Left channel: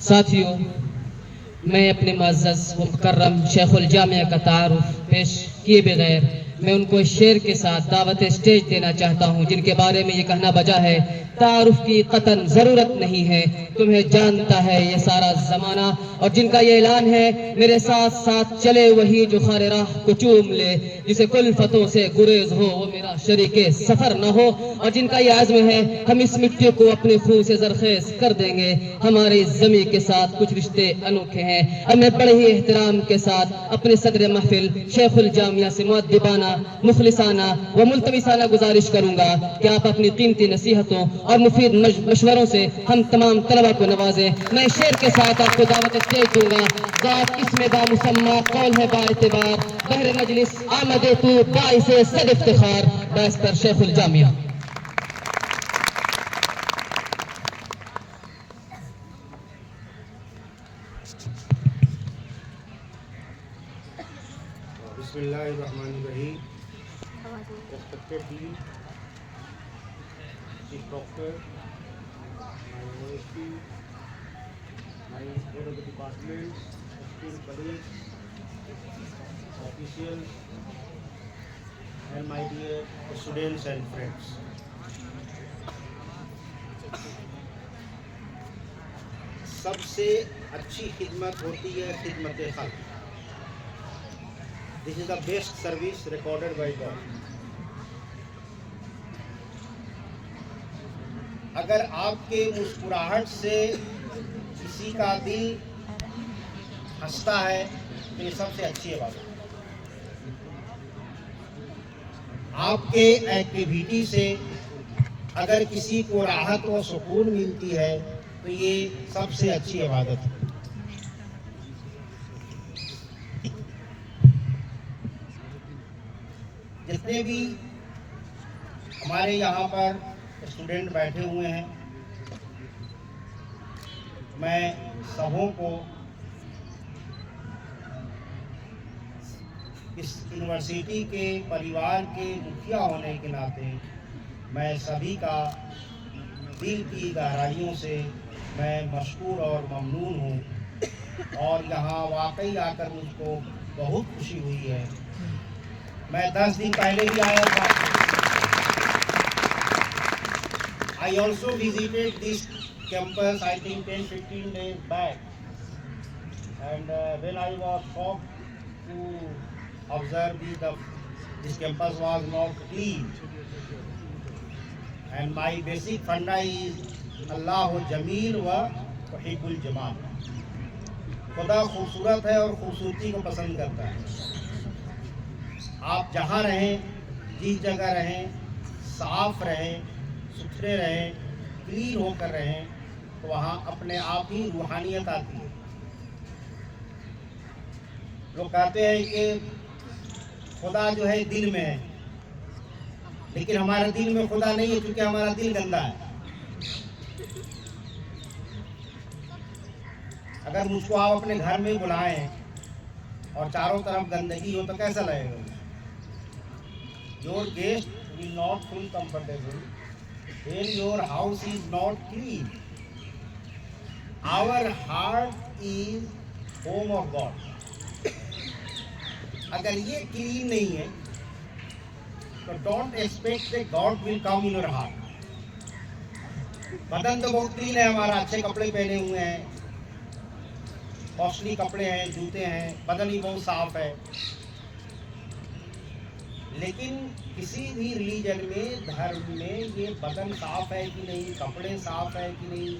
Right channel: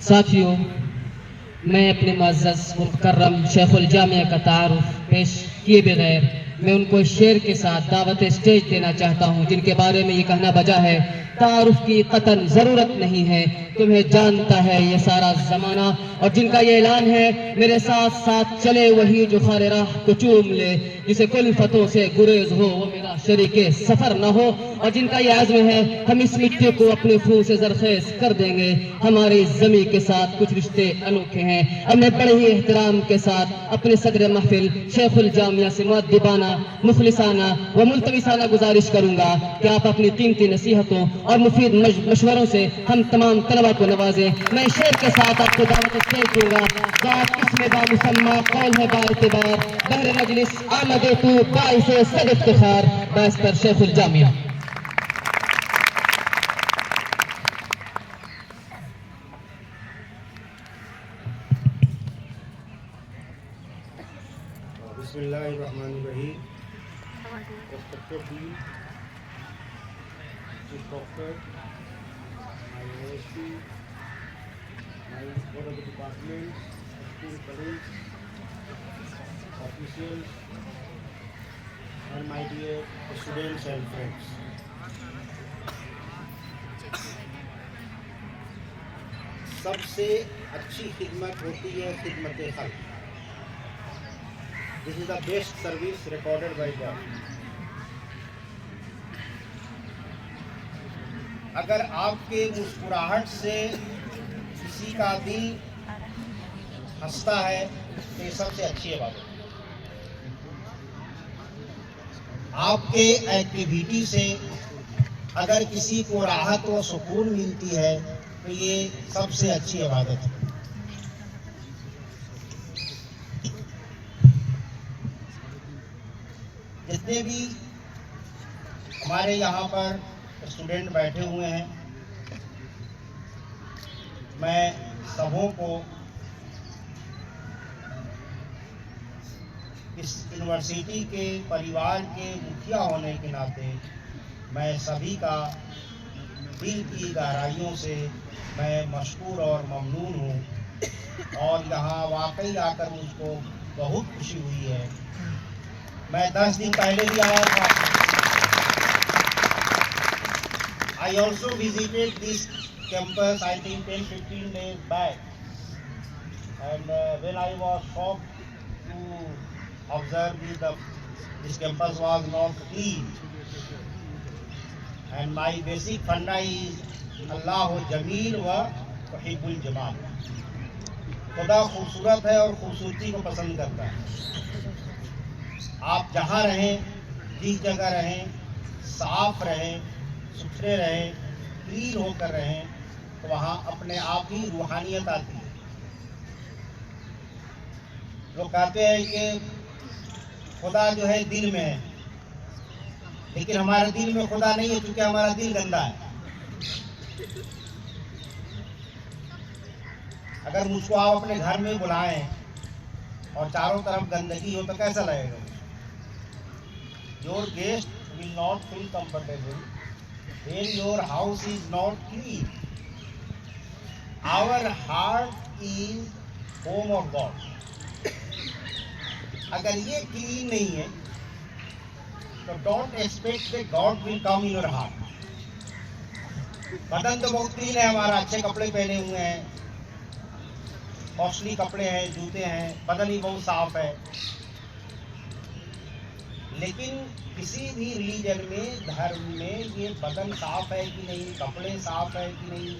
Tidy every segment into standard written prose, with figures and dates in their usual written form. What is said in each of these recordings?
साथियों, मैं अपने मुअज़्ज़ज़ व मुकर्रम शेखुल जामिया का तारुफ पेश किए बगैर मैं उनको इस शेर के साथ दावत स्टेज देना चाहता हूँ, जिनके बारे में ये कहना बजा है, तारुफ की कतन ज़रूरत नहीं है, तुम्हें जानता है ये सारा ज़माना। और जिनका ये ऐलान है, मेरे साथ साथ चले वही जो खारे राह को चूम ले, जिसे कुल्फतों से गुरेज हो वो मेरा शरीके सफ़र न हो। और जिनका ये आज़्म है, हम इस मिट्टी को अपने खून से ज़रख़ेज़ कर देंगे, हमारी ज़मीं के साथ कुछ रिश्ते अनोखे हैं। अब मैं बड़े ही एहतराम के साथ अपने सदर महफिल शेखुल जामिया से मुअद्दिबाना, मुखलिसाना व मुल्तमिसाना गुजारिश करूंगा कि आप अपनी कीमती नसीहतों और मुफीद मशवरों से हम तमाम तलबा को नवाजें। मैं शेर के साथ आपको दावत स्टेज दूंगा। ज़ात इसमें बामुसम्मा कौल है बाइतिबार, बहर मजलिस आमदे तू बाइसे सद इफ्तिखार, बैरिस्टर शेखुल जामिया। बिस्मिल्लाहिर्रहमानिर्रहीम। Respected Dean, Chief Doctor, my OSP, my head of the departments, esteemed colleagues, officials, and my dear students and friends. सबसे अच्छी खिदमत होती है खिदमत खल्क। This is the best service recorded by God. अगर आपके मुस्कुराहट से किसी का दिल हंसता है तो ये सबसे अच्छी बात है। आपके एक्टिविटी से अगर किसी को राहत व सुकून मिलती है तो ये सबसे अच्छी इबादत है। जितने भी हमारे यहाँ पर स्टूडेंट बैठे हुए हैं, मैं सबों को इस यूनिवर्सिटी के परिवार के मुखिया होने के नाते मैं सभी का दिल की गहराइयों से मैं मशकूर और ममनून हूँ। और यहाँ वाकई आकर मुझको बहुत खुशी हुई है। मैं 10 दिन पहले भी आया था। I also visited this campus I think 10-15 days back, and when I was shocked to observe this campus was not clean, and my basic funda is अल्लाह जमील व वहीबुल जमाल। खुदा खूबसूरत है और खूबसूरती को पसंद करता है। आप जहाँ रहें, जिस जगह रहें, साफ रहें, सुथरे रहें, क्लीन होकर रहें, तो वहाँ अपने आप ही रूहानियत आती है। लोग कहते हैं कि खुदा जो है दिल में है, लेकिन हमारे दिल में खुदा नहीं है, क्योंकि हमारा दिल गंदा है। अगर मुझको आप अपने घर में बुलाएं और चारों तरफ गंदगी हो तो कैसा लगेगा? Your guest will not feel comfortable when your house is not clean. Our heart is home of God. अगर ये क्लीन नहीं है तो don't expect that God will come in your heart. बदन तो बहुत क्लीन है हमारा, अच्छे कपड़े पहने हुए हैं, कॉस्टली कपड़े हैं, जूते हैं, बदन ही बहुत साफ है। लेकिन किसी भी रिलीजन में, धर्म में ये बदन साफ है कि नहीं, कपड़े साफ है कि नहीं,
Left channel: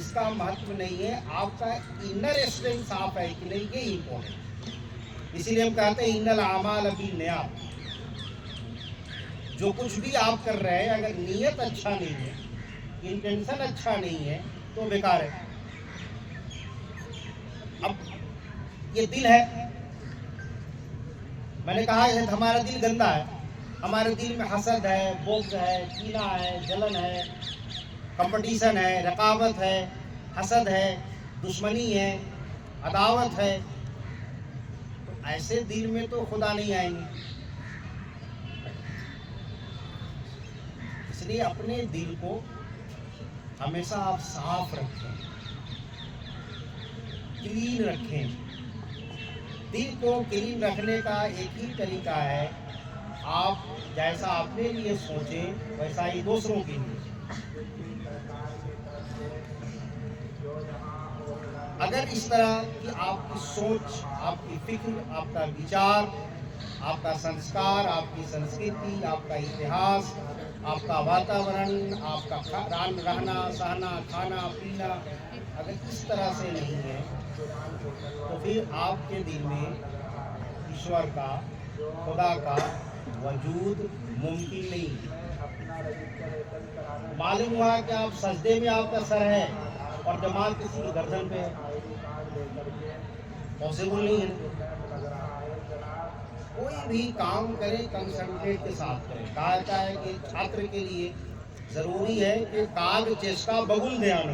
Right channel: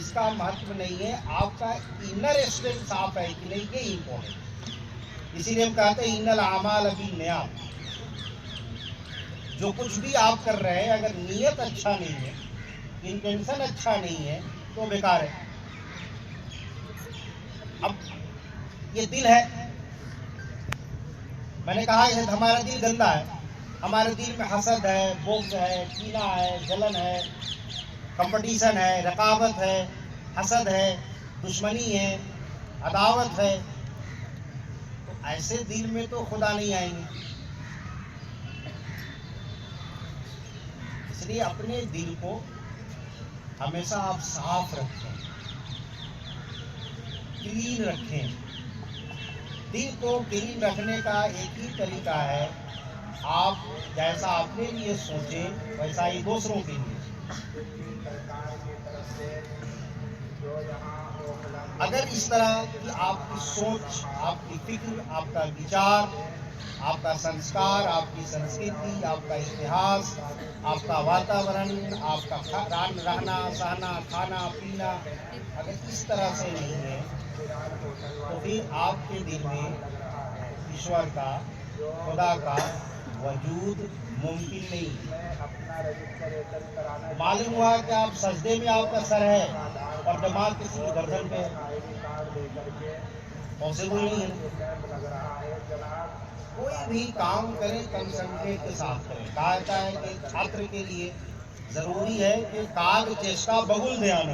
इसका महत्व नहीं है। आपका इनर स्ट्रेंथ साफ है कि नहीं, ये इम्पोर्टेंट। इसीलिए हम कहते हैं इन्नल आमाल बिन्नियात। जो कुछ भी आप कर रहे हैं, अगर नीयत अच्छा नहीं है, इंटेंशन अच्छा नहीं है, तो बेकार है। अब ये दिल है, मैंने कहा है हमारा दिल गंदा है। हमारे दिल में हसद है, बुग़्ज़ है, कीना है, जलन है, कंपटीशन है, रकाबत है, हसद है, दुश्मनी है, अदावत है। तो ऐसे दिल में तो खुदा नहीं आएंगे। इसलिए अपने दिल को हमेशा आप साफ रखें, क्लीन रखें। दिल को क्लीन रखने का एक ही तरीका है, आप जैसा अपने लिए सोचें वैसा ही दूसरों के लिए। अगर इस तरह की आपकी सोच, आपकी फिक्र, आपका विचार, आपका संस्कार, आपकी संस्कृति, आपका इतिहास, आपका वातावरण, आपका रहना सहना, खाना पीना अगर इस तरह से नहीं है तो फिर आपके दिल में ईश्वर का, खुदा का वजूद मुमकिन नहीं। मालूम हुआ कि आप सजदे में आपका सर है और दिमाग किसी की गर्दन पे है, पॉसिबल नहीं है। कोई भी काम करें कंसंट्रेट के साथ करें। कहा जाता है कि छात्र के लिए जरूरी है कि काग चेष्टा बगुल ध्यान,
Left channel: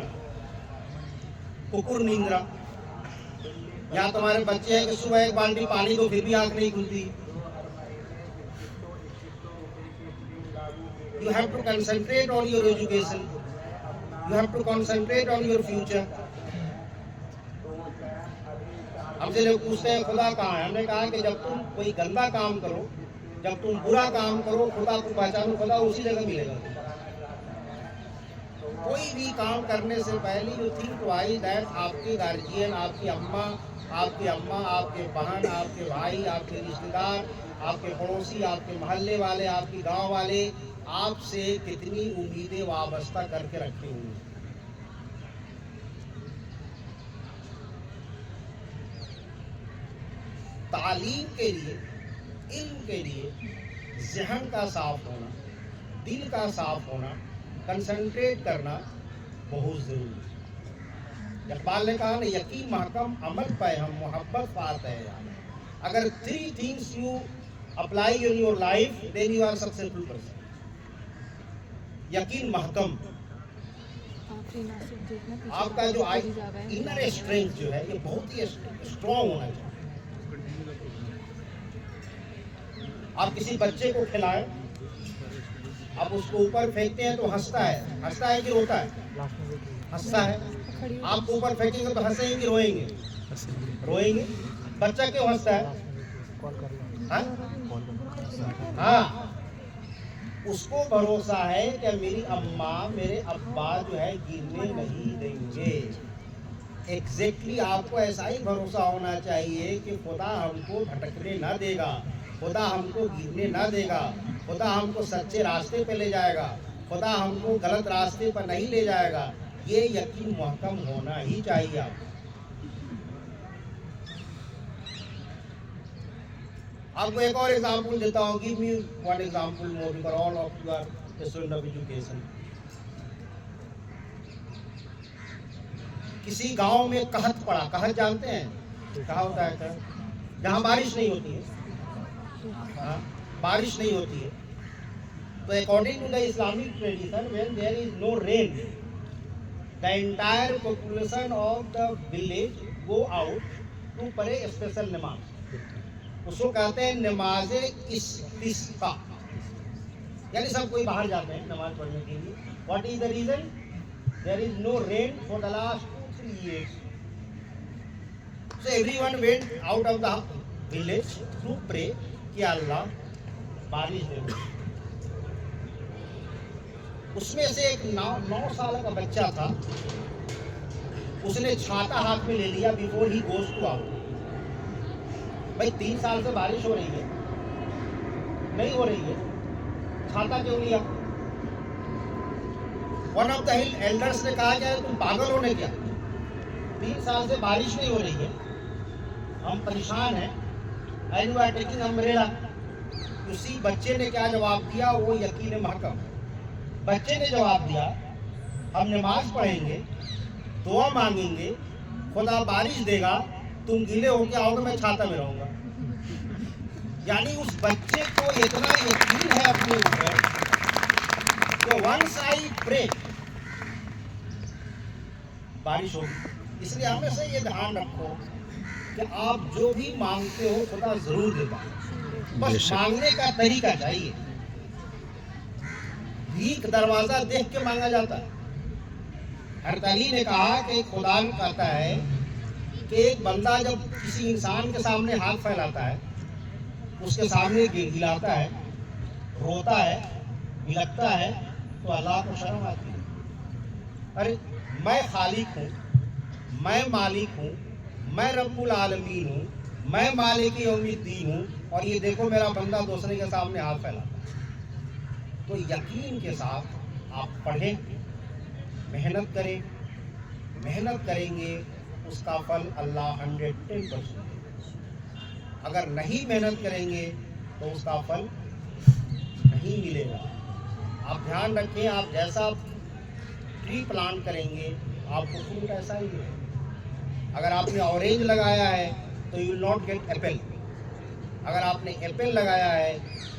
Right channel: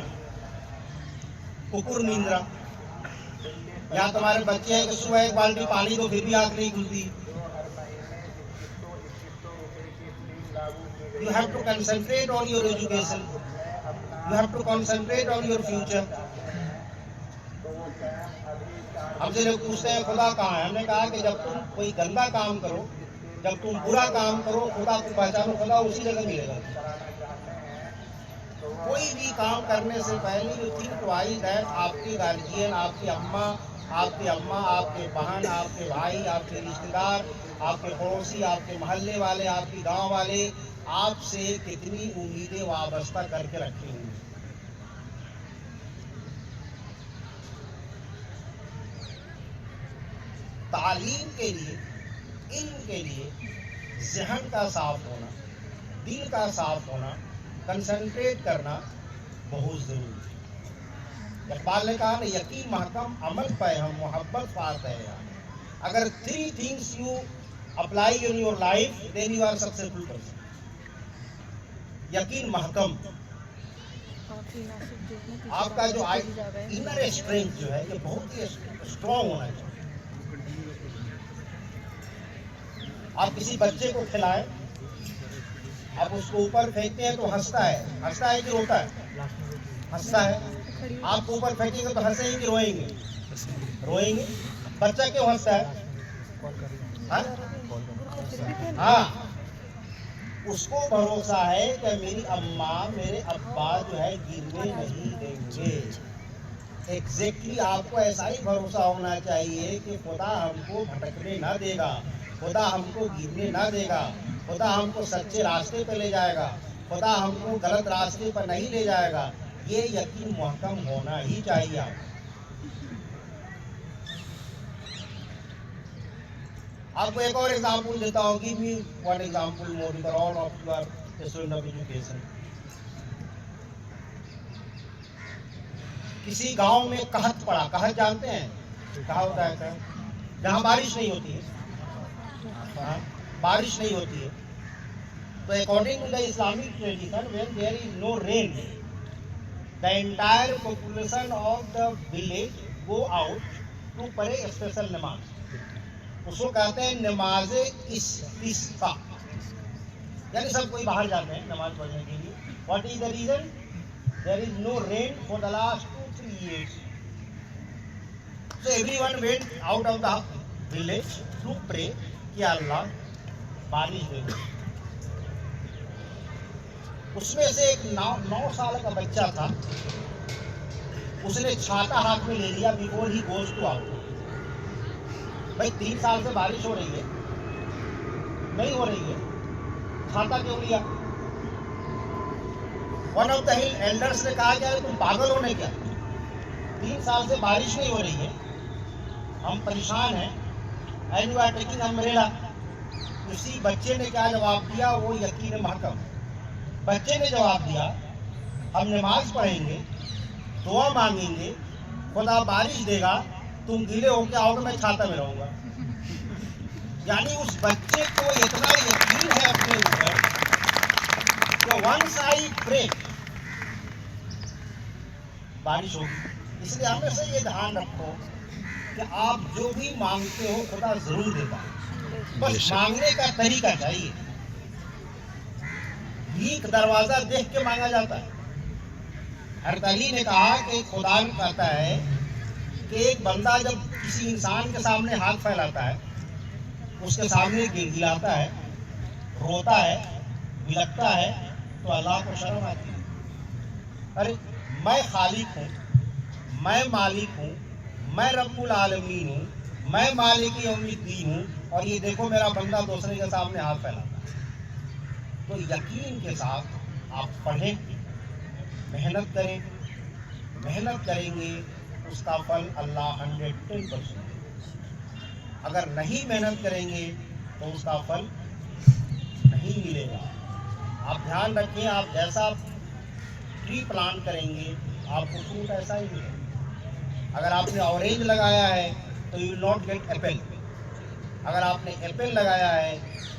कुकुर निंद्रा। यहाँ तुम्हारे बच्चे हैं कि सुबह एक बाल्टी पानी दो फिर भी आंख नहीं खुलती। You have to concentrate on your education. You have to concentrate on your future. हमसे लोग पूछते हैं खुदा कहाँ है। हमने कहा कि जब तुम कोई गंदा काम करो, जब तुम बुरा काम करो, खुदा को पहचानो, खुदा उसी जगह मिलेगा। कोई भी काम करने से पहले यू थिंक ट्वाइस दैट आपके गार्जियन, आपकी अम्मा, आपके बहन, आपके भाई, आपके रिश्तेदार, आपके पड़ोसी, आपके मोहल्ले वाले, आपके गांव वाले आपसे कितनी उम्मीदें वाबस्ता करके रखे हुए हैं। तालीम के लिए, इल्म के लिए ज़हन का साफ होना, दिल का साफ होना, कंसंट्रेट करना बहुत ज़रूरी है। इकबाल ने कहा ना, यकीन महकम अमल पे हम मोहब्बत पाते हैं यार। अगर 3 things you apply in your life then you are successful person। यकीन महकम, आपका जो इनर स्ट्रेंथ जो है ये बहुत ही स्ट्रॉन्ग होना चाहिए। आप किसी बच्चे को खिलाएं, आप उसको ऊपर फेंकते हैं तो हंसता है कि रोता है? हंसता है। आपको ऊपर फेंकेंगे तो हंसेंगे कि रोएंगे? रोएंगे। बच्चा क्यों हंसता है? हाँ, उसको भरोसा है कि मेरी अम्मा, मेरे अब्बा जो है गिरने नहीं देंगे। एग्जैक्टली आपको ऐसा ही भरोसा होना चाहिए कि खुदा हमको भटकने ना देगा, खुदा हमको गिरने ना देगा, खुदा हमको सच्चे रास्ते पे ले जाएगा, खुदा हमको गलत रास्ते पर नहीं ले जाएगा। ये यकीन महकम होना ही चाहिए आपको एक और एग्जाम्पल देता हूँ। Give me one example more because all of you are student of education. किसी गांव में कहत पड़ा। कहत जानते हैं? कहा होता है कहत, जहाँ बारिश नहीं होती है। हाँ, बारिश नहीं होती है तो according to the Islamic tradition when there is no rain the entire population of the village go out to pray special नमाज। उसको कहते हैं नमाज इस्तिस्का, यानी सब कोई बाहर जाते हैं नमाज पढ़ने के लिए। What is the reason? There is no rain for the last 2-3 years, so everyone went out of the village to pray कि अल्लाह बारिश दे। उसमें से एक 9 साल का बच्चा था, उसने छाता हाथ में ले लिया बिफोर ही गोज टू आउट। भाई 3 साल से बारिश हो रही है, नहीं हो रही है, छाता क्यों लिया? वन ऑफ द एल्डर्स ने कहा कि तुम पागल हो ना क्या? 3 साल से बारिश नहीं हो रही है, हम परेशान हैं, and you are taking umbrella. उसी बच्चे ने क्या जवाब दिया? वो यकीन महकम। बच्चे ने जवाब दिया, हम नमाज पढ़ेंगे, दुआ मांगेंगे, खुदा बारिश देगा, तुम गीले होके आओगे, मैं छाता में रहूंगा। यानी उस बच्चे को इतना यकीन है अपने ऊपर कि वंस आई प्रे बारिश होगी। इसलिए हमेशा ये ध्यान रखो कि आप जो भी मांगते हो खुदा जरूर देता है, बस मांगने का तरीका चाहिए। भीख दरवाजा देख के मांगा जाता है। हज़रत अली ने कहा कि खुदा भी कहता है कि एक बंदा जब किसी इंसान के सामने हाथ फैलाता है, उसके सामने गिड़गिड़ाता है, रोता है, बिलखता है, तो अल्लाह को शर्म आती है। अरे मैं खालिक हूँ, मैं मालिक हूँ, मैं रब्बुल आलमीन हूँ, मैं मालिक यौमिद्दीन हूँ, और ये देखो मेरा बंदा दूसरे के सामने हाथ फैलाता है। तो यकीन के साथ आप पढ़ें, मेहनत करें, मेहनत करेंगे, उसका फल अल्लाह 110% देगा। अगर नहीं मेहनत करेंगे तो उसका फल नहीं मिलेगा। आप ध्यान रखें, आप जैसा ट्री प्लांट करेंगे आपको फ्रूट ऐसा ही मिलेगा। अगर आपने ऑरेंज लगाया है तो you will not gate Apple. अगर आपने एप्पल लगाया है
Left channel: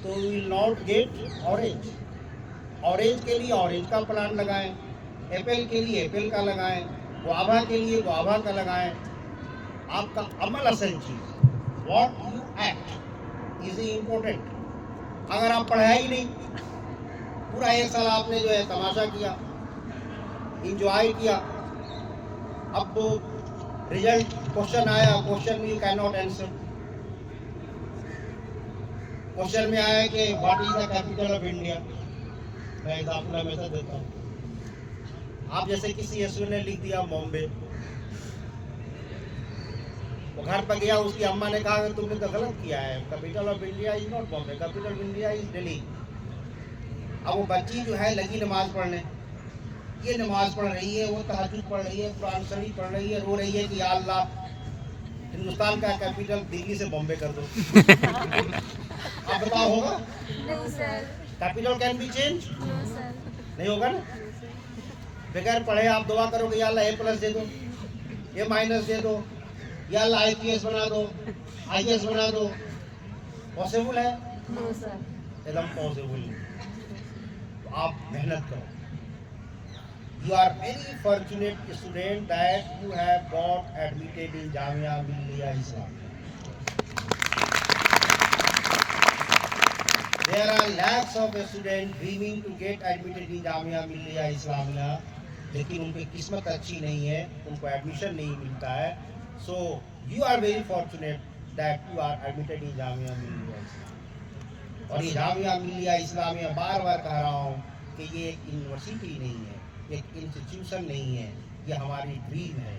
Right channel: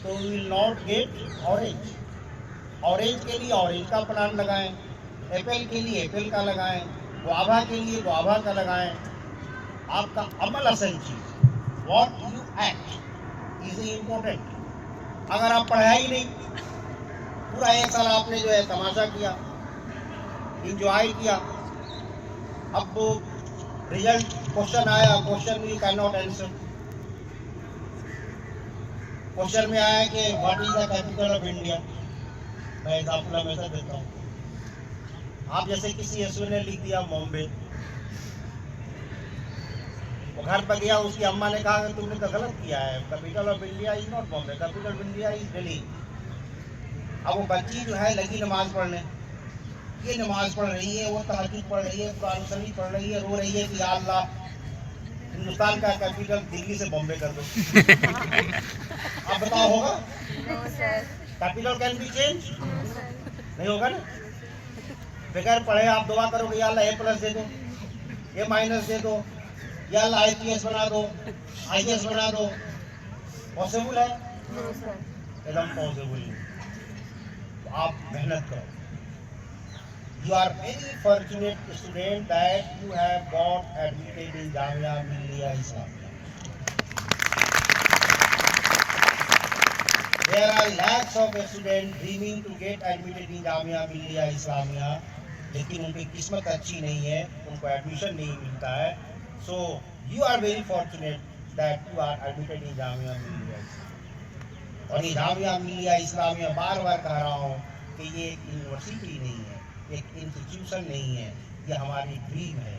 तो you will not gate orange. Orange के लिए ऑरेंज का प्लांट लगाएं, एप्पल के लिए एप्पल का लगाएं, गुआवा के लिए गुआवा का लगाएं। आपका अमल असल चीज़, what you act is important. अगर आप पढ़ाई नहीं, पूरा एक साल आपने जो है तमाशा किया, इंजॉय किया, अब वो रिजल्ट क्वेश्चन आया, क्वेश्चन में you can not answer. Question में आया कि what is the capital of India. मैं एग्जाम्पल हमेशा देता हूँ। आप जैसे किसी एसवी ने लिख दिया बॉम्बे, वो घर पर गया, उसकी अम्मा ने कहा कि तुमने तो गलत किया है, capital of India is not Bombay, capital of India is Delhi. अब वो बच्ची जो है लगी नमाज पढ़ने, ये नमाज पढ़ रही है, वो तहज्जुद पढ़ रही है, कुरान शरीफ पढ़ रही है, रो रही है कि या अल्लाह हिंदुस्तान का कैपिटल दिल्ली से बॉम्बे कर दो। आप बताओ होगा? Capital can be change? नहीं होगा ना। बगैर पढ़े आप दुआ करोगे या अल्लाह A+ दे दो, A- दे दो, या अल्लाह IPS बना दो, IAS बना दो, पॉसिबल है? एकदम पॉसिबल नहीं। तो आप मेहनत करो। You are very fortunate student that you have got admitted in Jamia Millia Islamia. There are lakhs of students dreaming to get admitted in Jamia Millia Islamia, लेकिन उनकी किस्मत अच्छी नहीं है, उनको एडमिशन नहीं मिलता है। So you are very fortunate that you are admitted in Jamia Millia Islamia. और ये जामिया मिल्लिया इस्लामिया बार बार कह रहा हूँ कि ये एक यूनिवर्सिटी नहीं है, एक इंस्टीट्यूशन नहीं है, ये हमारी ड्रीम है,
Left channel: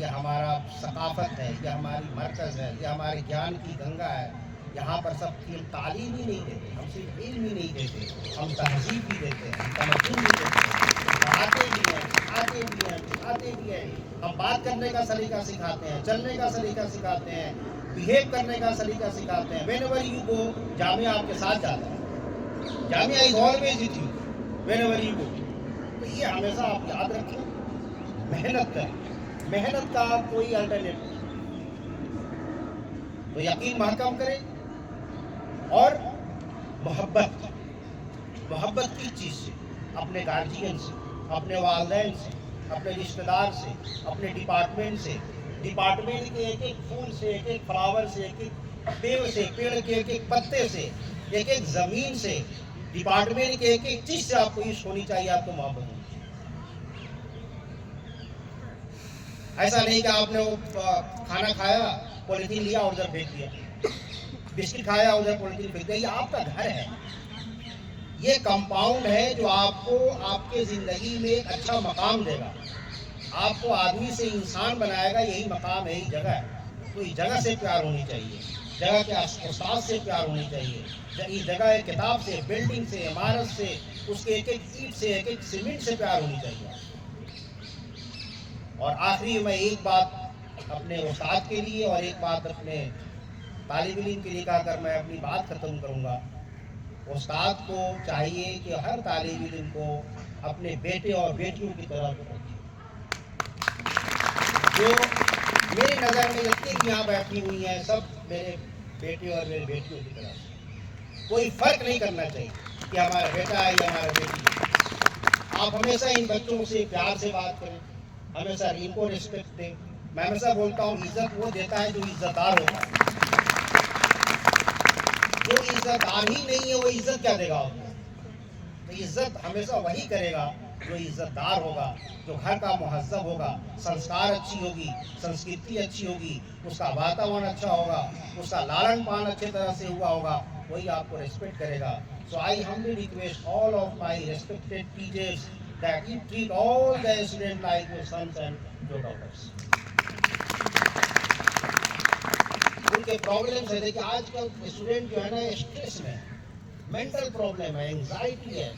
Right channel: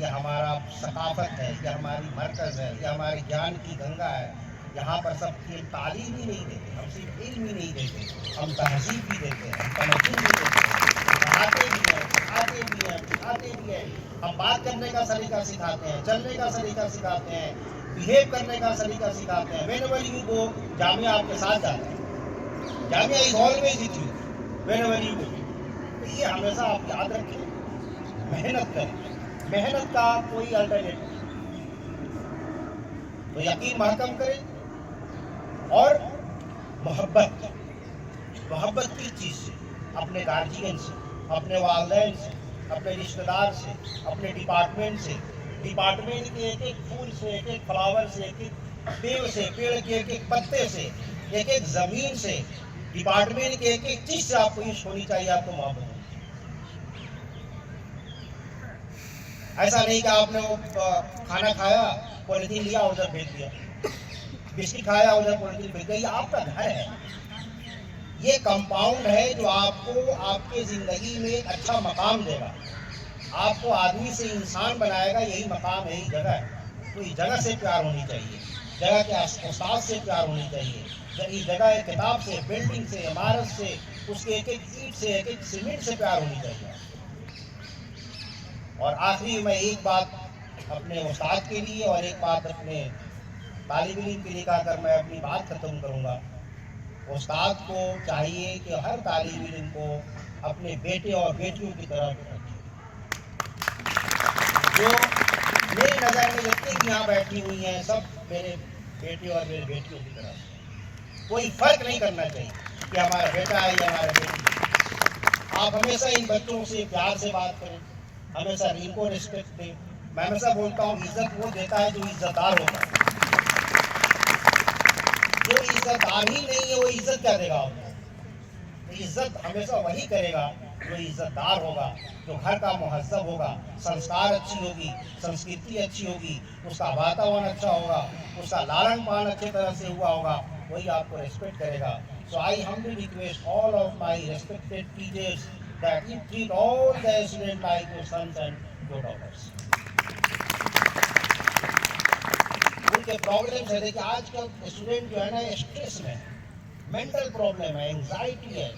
ये हमारा सकाफत है, ये हमारी मरकज़ है, ये हमारे ज्ञान की गंगा है। यहाँ पर सब हम तालीम ही नहीं देते, हम सिर्फ इल्म ही नहीं देते, हम तहजीब भी देते हैं, हम तमद्दुन भी देते हैं, पढ़ाते भी हैं, सिखाते भी हैं, सिखाते भी हैं। हम बात करने का सलीका सिखाते हैं, चलने का सलीका सिखाते हैं, बिहेव करने का सलीका सिखाते हैं। व्हेनेवर यू गो, जामिया आपके साथ जाता है। Jamia is always with you whenever you go. तो ये हमेशा आप याद रखें, मेहनत करें, मेहनत का कोई अल्टरनेटिव नहीं। तो यकीन महकम करें और मोहब्बत किस चीज़ से? अपने गार्जियन से, अपने वालिदैन से, अपने रिश्तेदार से, अपने डिपार्टमेंट से, डिपार्टमेंट के एक एक फूल से, एक एक फ्लावर से, एक एक पेड़ से, पेड़ के एक एक पत्ते से, एक एक ज़मीन से, डिपार्टमेंट के एक एक चीज़ से आपको इश्क होनी चाहिए, आपको मोहब्बत होनी चाहिए। ऐसा नहीं कि आपने वो खाना खाया, पॉलिथीन लिया और उधर फेंक दिया, बिस्किट खाया उधर पॉलिथीन फेंक दिया। ये आपका घर है, ये कंपाउंड है जो आपको आपके ज़िंदगी में एक अच्छा मकाम देगा, आपको आदमी से इंसान बनाएगा। यही मकाम है, यही जगह है। तो इस जगह से प्यार होनी चाहिए, जगह के उस्ताद से प्यार होनी चाहिए, इस जगह एक किताब से, बिल्डिंग से, इमारत से, उसके एक एक ईंट से, एक एक सीमेंट से प्यार होनी चाहिए। और आखिरी मैं एक बात अपने उस्ताद के लिए और एक बात अपने तालिब इल्म के लिए कहकर मैं अपनी बात ख़त्म करूँगा। उस्ताद को चाहिए कि हर तालिब इल्म को अपने बेटे और बेटियों की तरह रखे। जो मेरी नज़र में जितनी यहाँ बैठी हुई हैं, सब मेरे बेटे और मेरी बेटियों की तरह। कोई फ़र्क नहीं करना चाहिए कि हमारा बेटा है या हमारा बेटी है। आप हमेशा इन बच्चों से प्यार से बात करें, हमेशा इनको रिस्पेक्ट दें। मैं हमेशा बोलता हूँ, इज्जत वो देता है जो इज्जतदार होता है। जो इज्जतदार ही नहीं है, वो इज्जत क्या देगा आपको? तो इज्जत हमेशा वही करेगा जो इज्जतदार होगा, जो घर का मुहज्जब होगा, संस्कार अच्छी होगी, संस्कृति अच्छी होगी, उसका वातावरण अच्छा होगा, उसका लालन पालन अच्छी तरह से हुआ होगा, वही आपको रेस्पेक्ट करेगा। सो आई humbly request all of my respected teachers that you treat all the students like your sons and your daughters. उनके प्रॉब्लम्स है, देखिए आजकल स्टूडेंट जो है ना स्ट्रेस में, मेंटल प्रॉब्लम है, एंग्जाइटी है,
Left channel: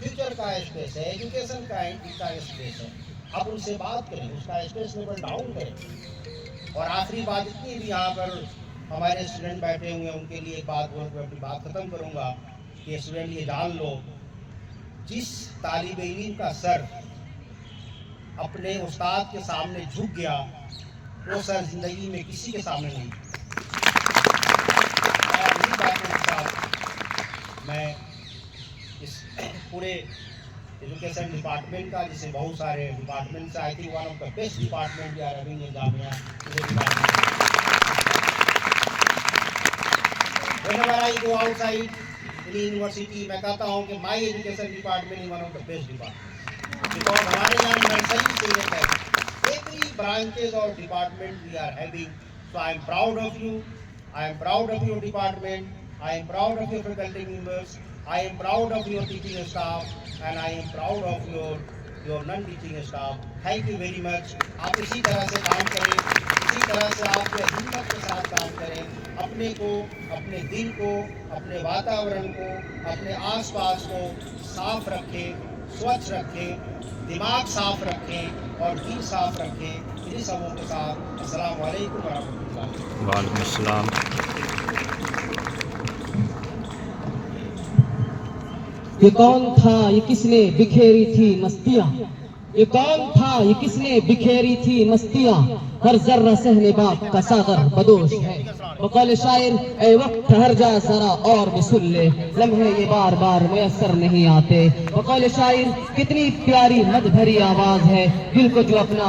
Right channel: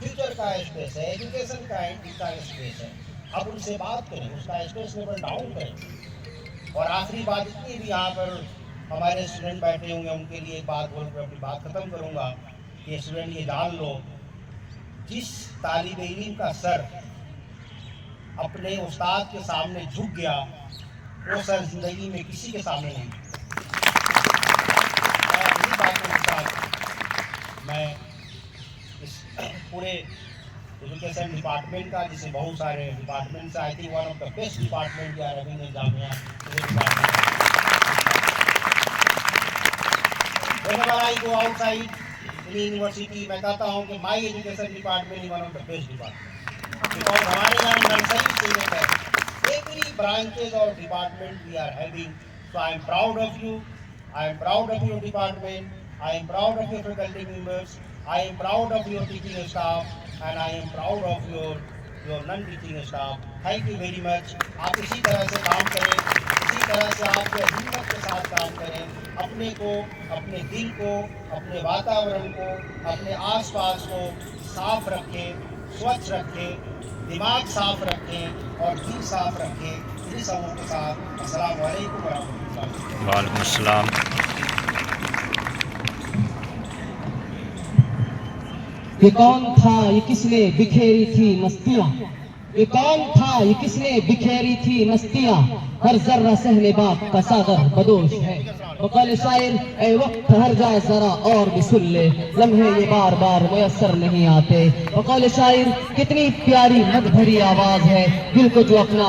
फ्यूचर का स्ट्रेस है, एजुकेशन का स्ट्रेस है। आप उनसे बात करें, उसका स्ट्रेस लेवल डाउन करें। और आखिरी बात इतनी भी, यहाँ पर हमारे स्टूडेंट बैठे हुए हैं, उनके लिए एक बात बोल कर अपनी बात ख़त्म करूँगा कि स्टूडेंट ये जान लो, जिस तालिब इल्म का सर अपने उस्ताद के सामने झुक गया, वो सर जिंदगी में किसी के सामने नहीं। इन्हीं बातों के साथ मैं इस पूरे एजुकेशन डिपार्टमेंट का, जिसे बहुत सारे डिपार्टमेंट से, I think one of the best department we are having in Jamia whenever I go outside in university, मैं कहता हूँ कि my education department is one of the best department, because हमारे यहाँ नर्सरी से लेकर every branches or department we are having. So I am proud of you, I am proud of your department, I am proud of your faculty members, I am proud of your teaching staff, and I am proud of your non-teaching staff. Thank you very much. आप इसी तरह से काम करें, इसी तरह से आप जो हिम्मत के साथ काम करें, अपने को, अपने दिल को, अपने वातावरण को, अपने आसपास को साफ रखें, स्वच्छ रखें, दिमाग साफ रखें और दिल साफ रखें। इन्हीं सबों के साथ अस्सलाम वालेकुम व रहमतुल्लाह। वालेकुम अस्सलाम। ये कौन था, ये किसने बिखेरी थी मस्तियाँ, ये कौन था, ये किसने बिखेरी थी मस्तियाँ, हर जर्रा सहने बाप का सागर बदोश है। बकौल शायर ए वक्त हर जा जरा और भी सुन ले, लम्हे ये बार बार मैसर नहीं आते। बकौल शायर कितनी प्यारी मत भरी आवाज है, दिल को जो अपना